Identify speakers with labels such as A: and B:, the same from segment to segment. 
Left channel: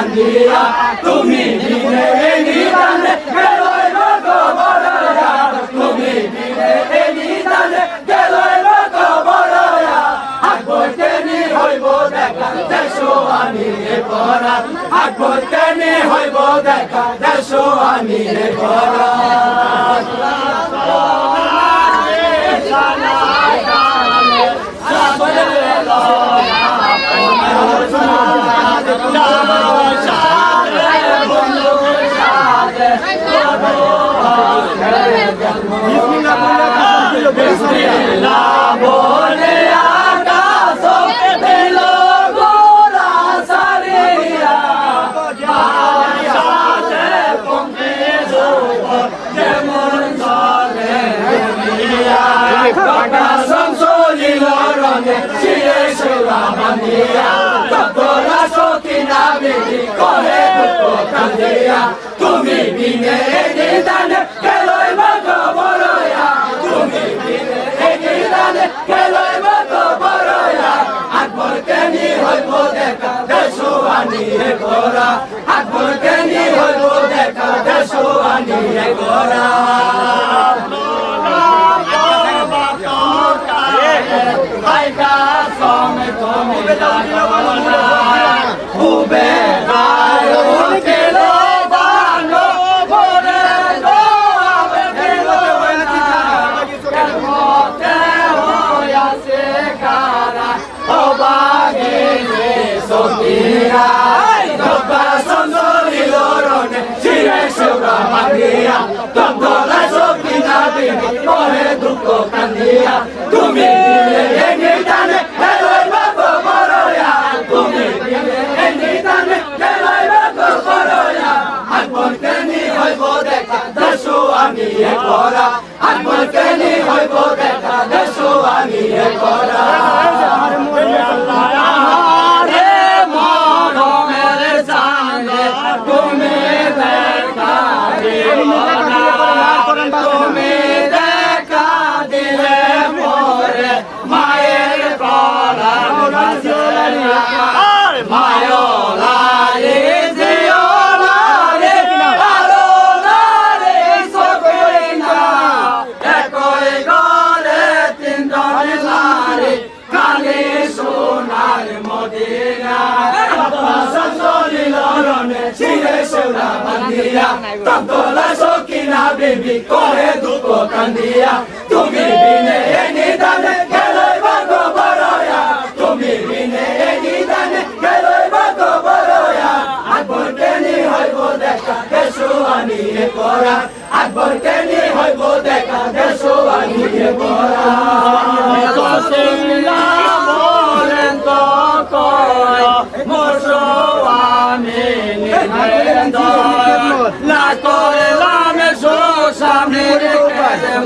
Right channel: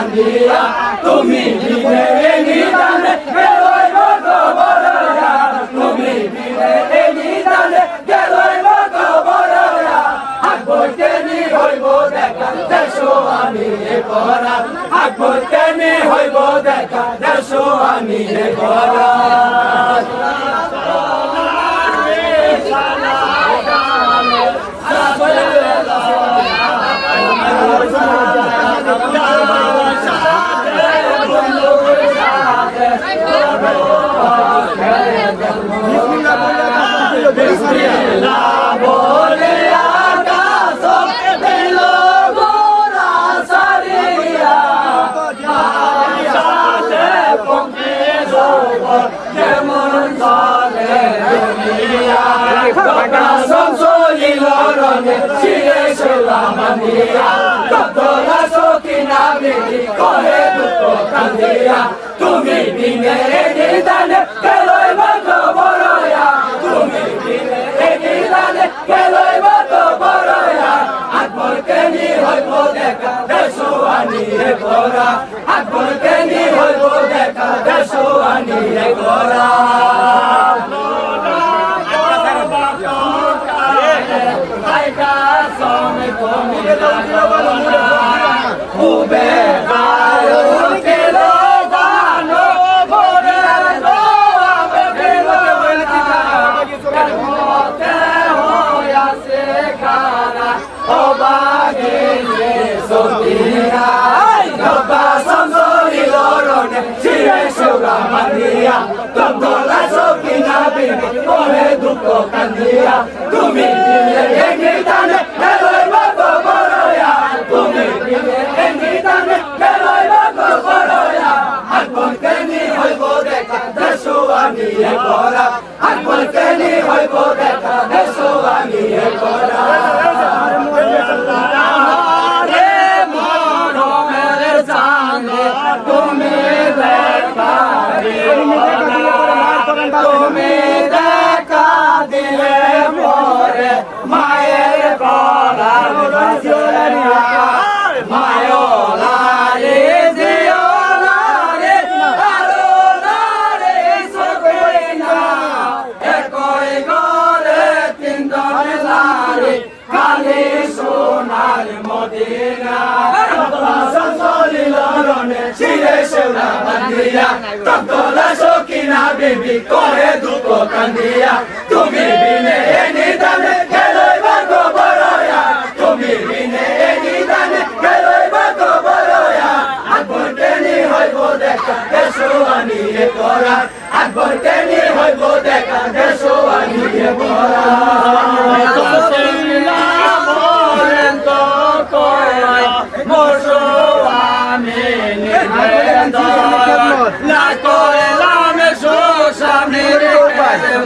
A: কান্দিয়া তুমি বিনে নিদানে গেলই লোক বড়য়া। তুমি বিনে নিদানে গেলই লোক বড়য়া। বইতে নি হইব দেখা দেশো আমি করা হাত বইতে নি হইব দেখা দেশো আমি করা বলে আকাশ দিল গোরা সারিয়া আকাশে পঙ্কে জোবর যেমন চলে দুনিয়া না বেশি করে দুঃখ কান্দিয়া তুমি বিনে নিদানে গেলই মগ বড়য়া তুমি বিনে নিদানে গেলই মগ বড়য়া আকবর কেনি হইব দেখা দেশো রে গোরা আকবর কেনি হইব দেখা দেশো রে গোরা উবে কারা অবাগে সতিয়া গবা সন্দরি লরনে শিরে সেবা মারিয়া তন্দলা সকি না বিবি পরে দুঃখ কান্দিয়া। তুমি দিলে করে দুঃখ কান্দিয়া তুমি বিনে নিদানে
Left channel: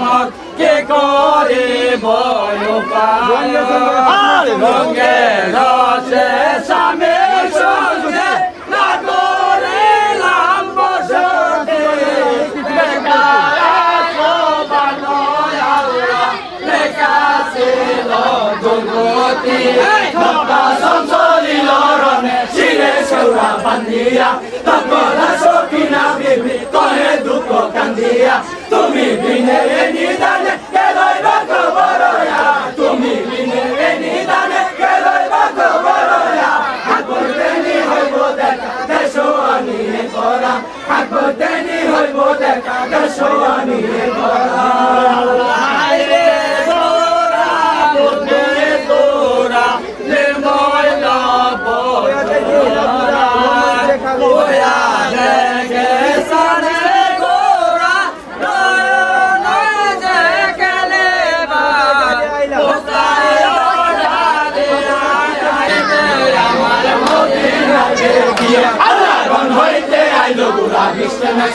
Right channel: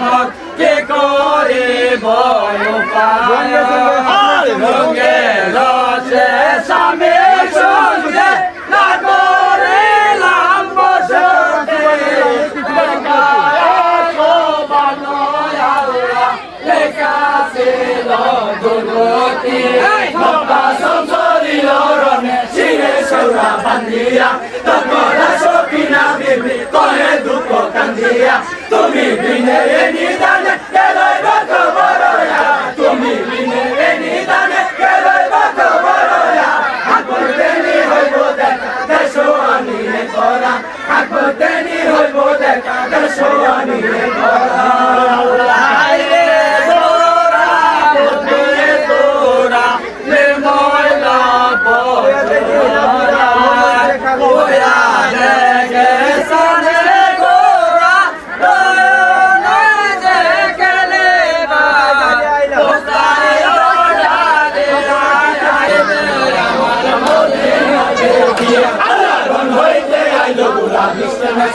A: মত কে করে বয় রঙে রসে স্বামী সঙ্গে না করলাম বসতে লেখা ছিল দুর্গতি। ভক্তা সংসরিল রণে শিরে সৌরা বান্ধিয়া। তকরা সকিনা বিবি কহে দুঃখ কান্দিয়া বিনে এ নিদানে কেলই বাক বড়য়া তুমি বিনে এ নিদানে কেলই বাক বড়য়া আকবর তেনি হইব দেখা দেশো আনিয়ে করা।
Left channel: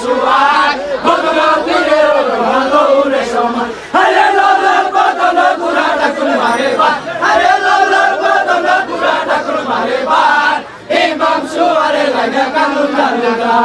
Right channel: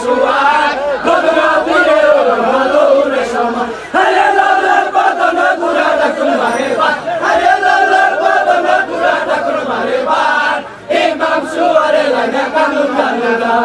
A: সুবাই ভগবতীরে মনোরে সমান হরে লালার বদন গুরা ঠাকুর মারে বা হরে লালার বদন গুরা ঠাকুর মারে বা ইমাম সুয়ারে লাগা কানুন কানুরা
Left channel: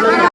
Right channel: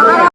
B: আমাদের